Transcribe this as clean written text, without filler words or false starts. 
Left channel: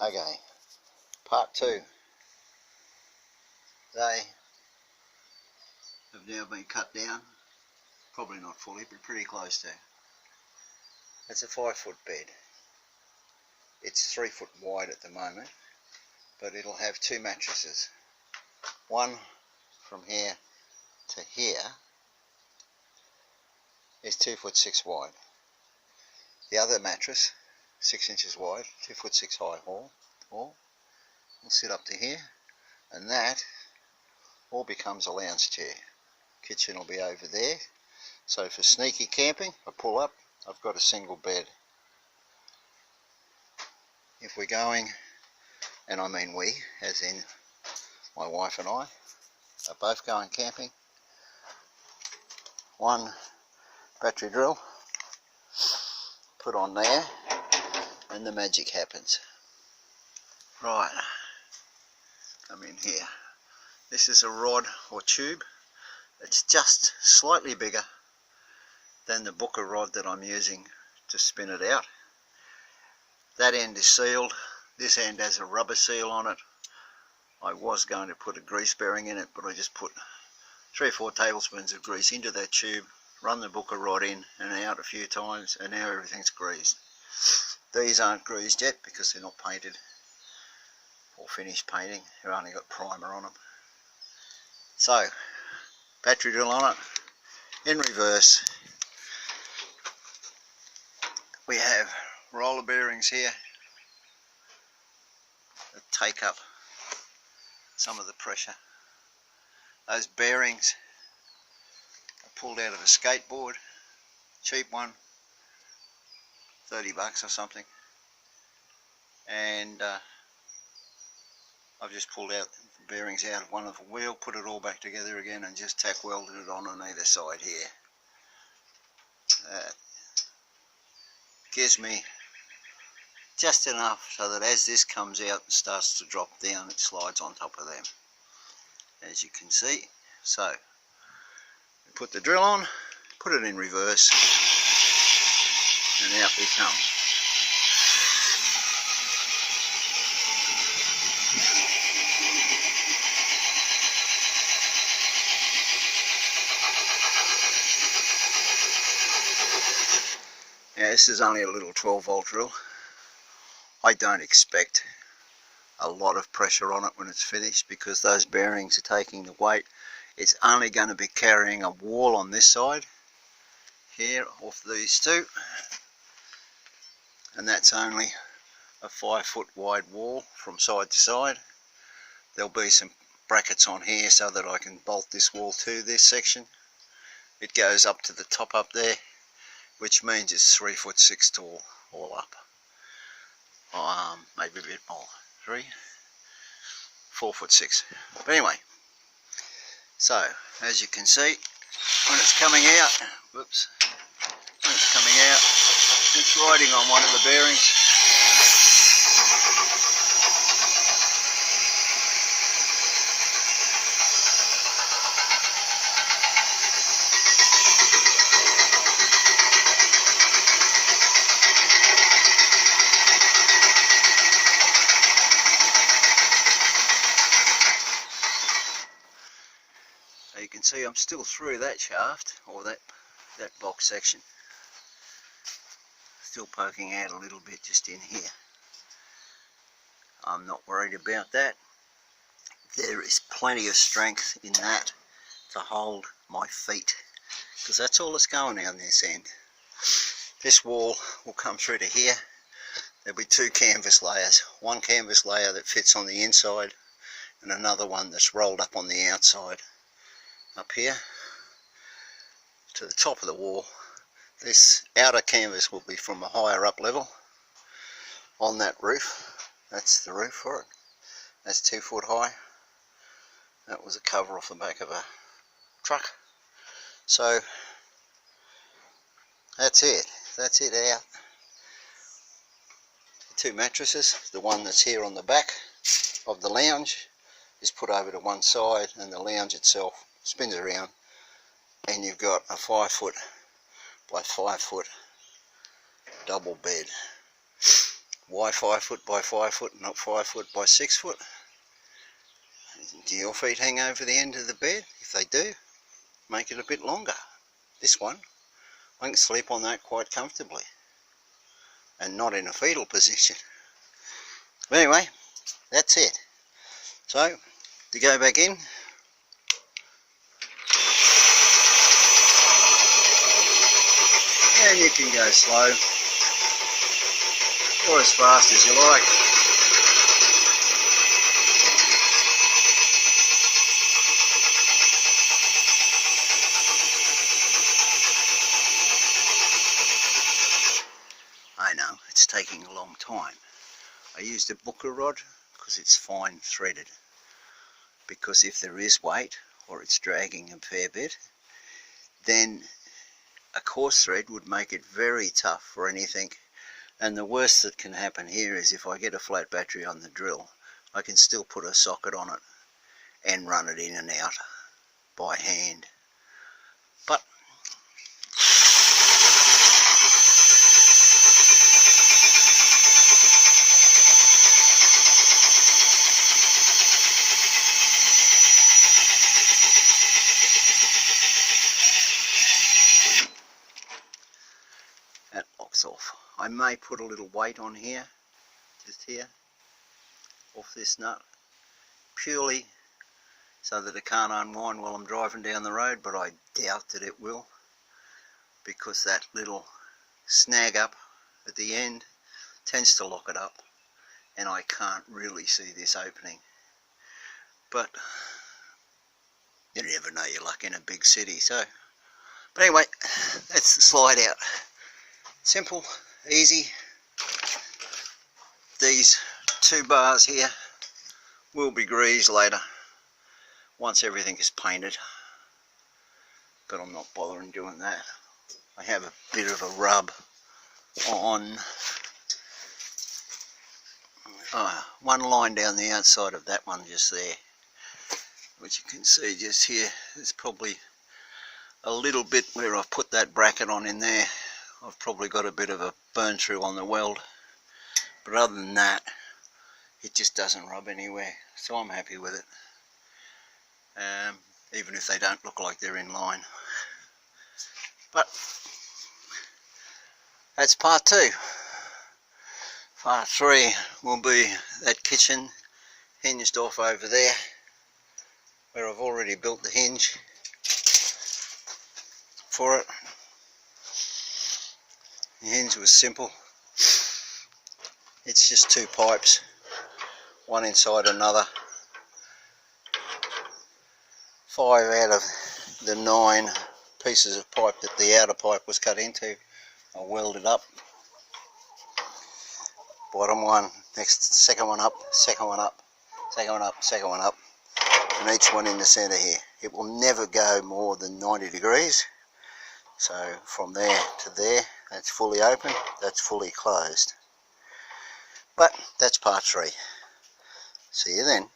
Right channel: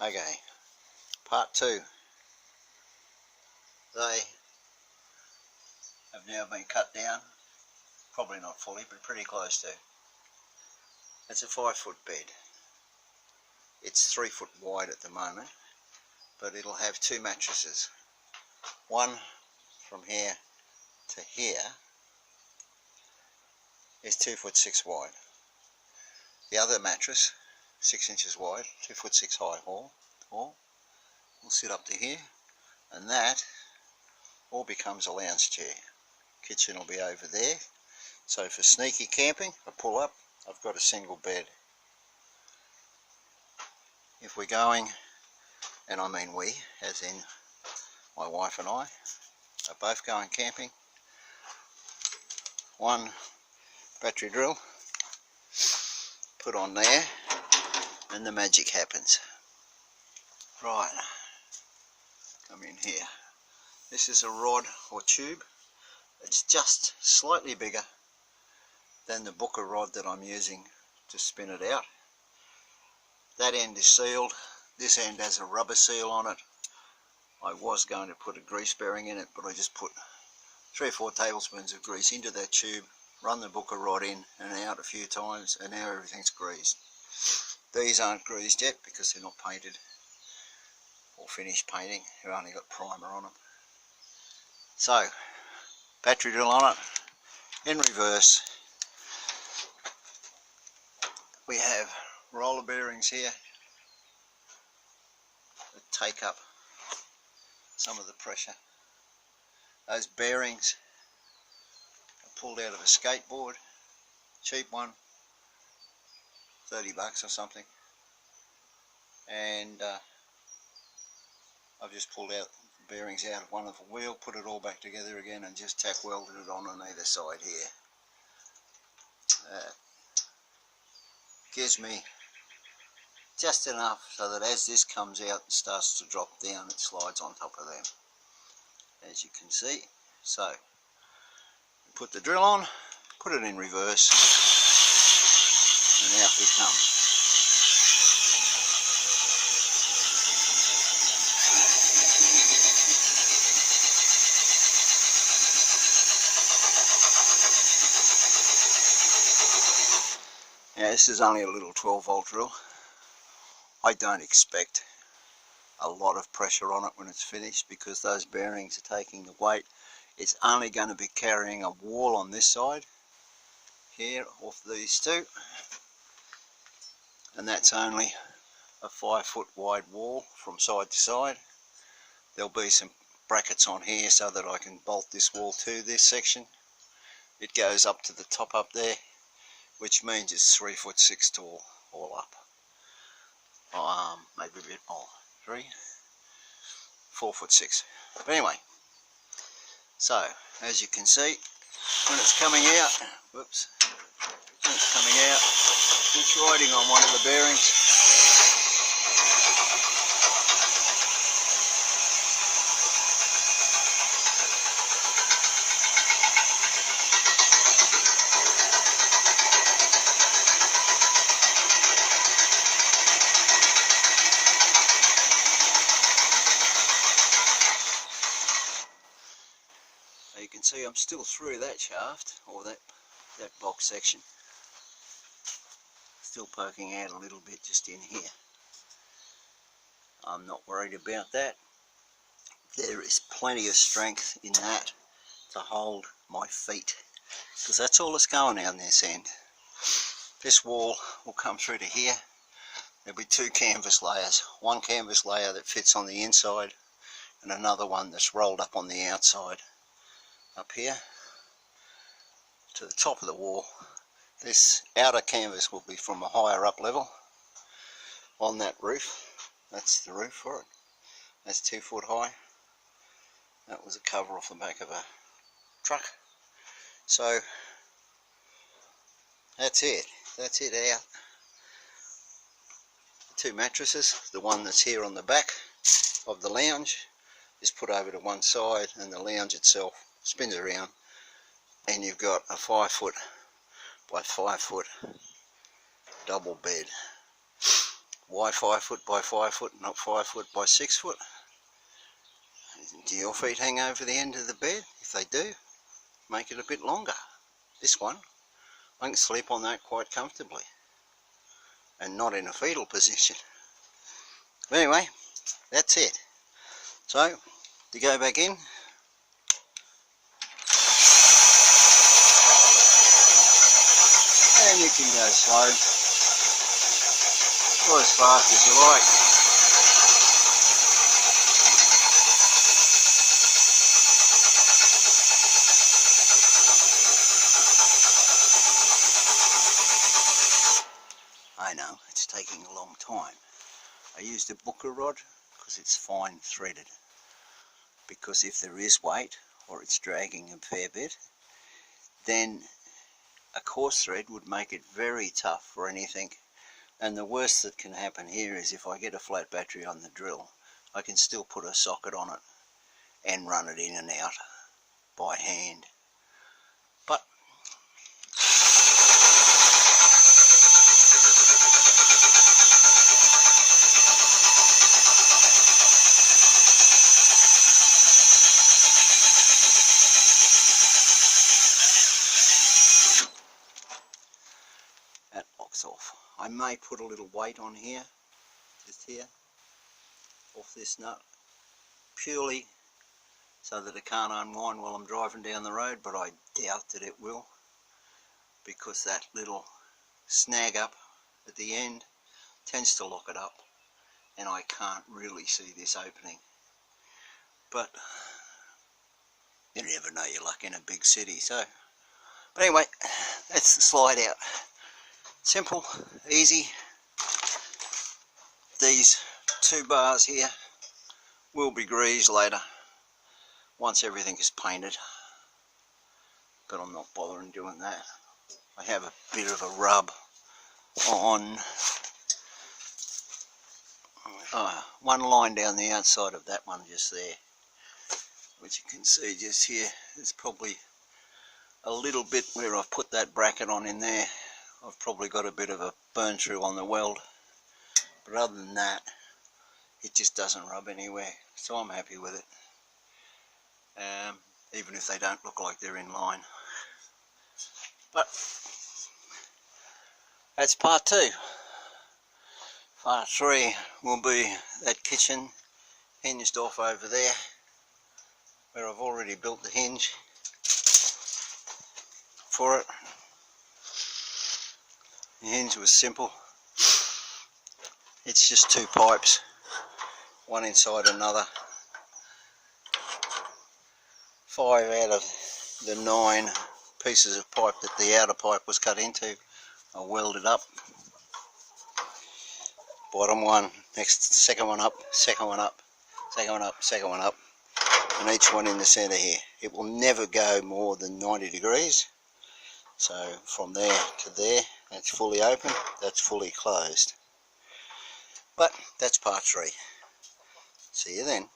Okay, part 2. They have now been cut down, probably not fully, but pretty close to. It's a 5-foot bed. It's 3 foot wide at the moment, but it'll have 2 mattresses. One from here to here is 2 foot 6 wide. The other mattress, 6 inches wide, 2 foot 6 high all will sit up to here, and that all becomes a lounge chair. Kitchen will be over there, so for sneaky camping, I pull up, I've got a single bed. If we're going, and I mean we, as in my wife and I, are both going camping, one battery drill put on there and the magic happens. Right, come in here. This is a rod or tube. It's just slightly bigger than the Booker rod that I'm using to spin it out. That end is sealed. This end has a rubber seal on it. I was going to put a grease bearing in it, but I just put 3 or 4 tablespoons of grease into that tube, run the Booker rod in and out a few times, and now everything's greased. These aren't greased yet because they're not painted or finished painting. They've only got primer on them. So, battery drill on it, in reverse. We have roller bearings here that take up some of the pressure. Those bearings are pulled out of a skateboard, cheap one, $30 or something, and I've just pulled out the bearings out of one of the wheel, put it all back together again, and just tack welded it on either side here. Gives me just enough so that as this comes out and starts to drop down, it slides on top of them, as you can see. So we put the drill on, put it in reverse, and out we come. Now this is only a little 12-volt drill. I don't expect a lot of pressure on it when it's finished because those bearings are taking the weight. It's only going to be carrying a wall on this side here off these two, and that's only a 5-foot wide wall from side to side. There'll be some brackets on here so that I can bolt this wall to this section. It goes up to the top up there, which means it's 3 foot 6 tall all up. Maybe a bit more, 4 foot 6. But anyway, so as you can see, when it's coming out, whoops, when it's coming out, it's riding on one of the bearings. You can see I'm still through that shaft, or that box section, still poking out a little bit just in here. I'm not worried about that. There is plenty of strength in that to hold my feet, because that's all that's going on this end. This wall will come through to here. There'll be 2 canvas layers, one canvas layer that fits on the inside and another one that's rolled up on the outside. Up here to the top of the wall. This outer canvas will be from a higher up level on that roof. That's the roof for it. That's 2 foot high. That was a cover off the back of a truck. So that's it. That's it out. The 2 mattresses, the one that's here on the back of the lounge is put over to one side, and the lounge itself spins around, and you've got a 5 foot by 5 foot double bed. Why 5 foot by 5 foot, not 5 foot by 6 foot? Do your feet hang over the end of the bed? If they do, make it a bit longer. This one, I can sleep on that quite comfortably and not in a fetal position. But anyway, that's it. So, to go back in, and you can go slow or as fast as you like. I know, it's taking a long time. I used a booker rod because it's fine threaded. Because if there is weight or it's dragging a fair bit, then a coarse thread would make it very tough for anything. And the worst that can happen here is if I get a flat battery on the drill, I can still put a socket on it and run it in and out by hand. But that locks off. I may put a little weight on here, just here, off this nut, purely so that it can't unwind while I'm driving down the road, but I doubt that it will, because that little snag up at the end tends to lock it up, and I can't really see this opening. But you never know your luck in a big city. So, but anyway, that's the slide out. Simple, easy. These 2 bars here will be greased later once everything is painted, but I'm not bothering doing that. I have a bit of a rub on one line down the outside of that one just there, which you can see just here. There's probably a little bit where I've put that bracket on in there. I've probably got a bit of a burn through on the weld, but other than that, it just doesn't rub anywhere, so I'm happy with it, even if they don't look like they're in line. But that's part 2. Part 3 will be that kitchen hinged off over there, where I've already built the hinge for it. The hinge was simple. It's just 2 pipes, one inside another. 5 out of the 9 pieces of pipe that the outer pipe was cut into, I welded up. Bottom one, second one up, second one up, second one up, second one up, and each one in the centre here. It will never go more than 90 degrees. So from there to there, that's fully open, that's fully closed. But that's part 3. See you then.